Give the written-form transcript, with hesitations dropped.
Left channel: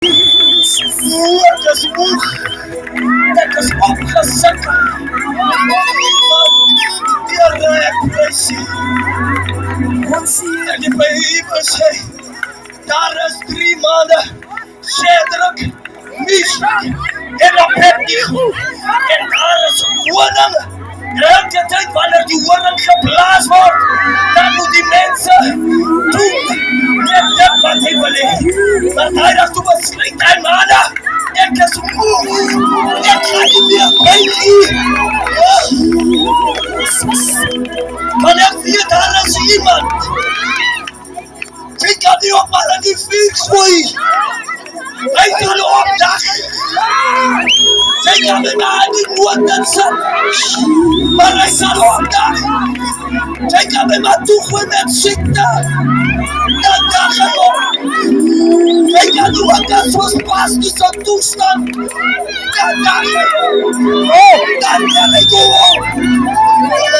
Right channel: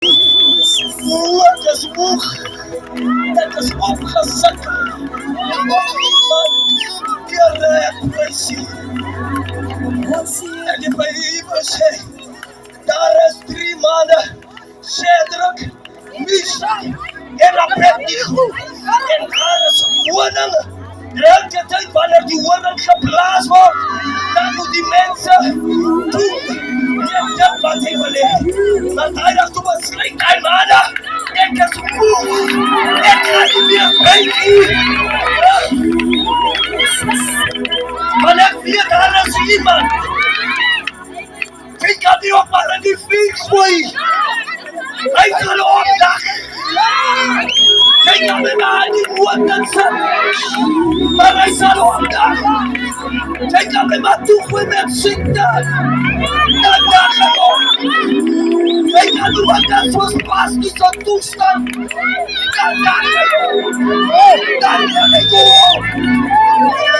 Wat is moeg? Dit is opgesikkel. Here, ek prys U. En die Bybel sê, daar is 3 maande, Shadrach, Meshach en Abednego. En daar is koning. Elke tyd wanneer die horing geblaas word, dan moet die mense doen net dit wat hy wil hê. Maar hy het toe besluit, hy manne, ek is moeg. Ek kan nie meer byt U. Maar ek weet daar is iemand. Sy kan nie op maar aan die fiets gooi. Hy kan opdag. Sy kan my maar aan die nood sit. Maar hy sal opdag. Sy kan my maar toegooi met siekte. Dan dag hy op. Sy kan nie opdag soos pas die son toestand. Dan dag hy op. Dan kan hy go op.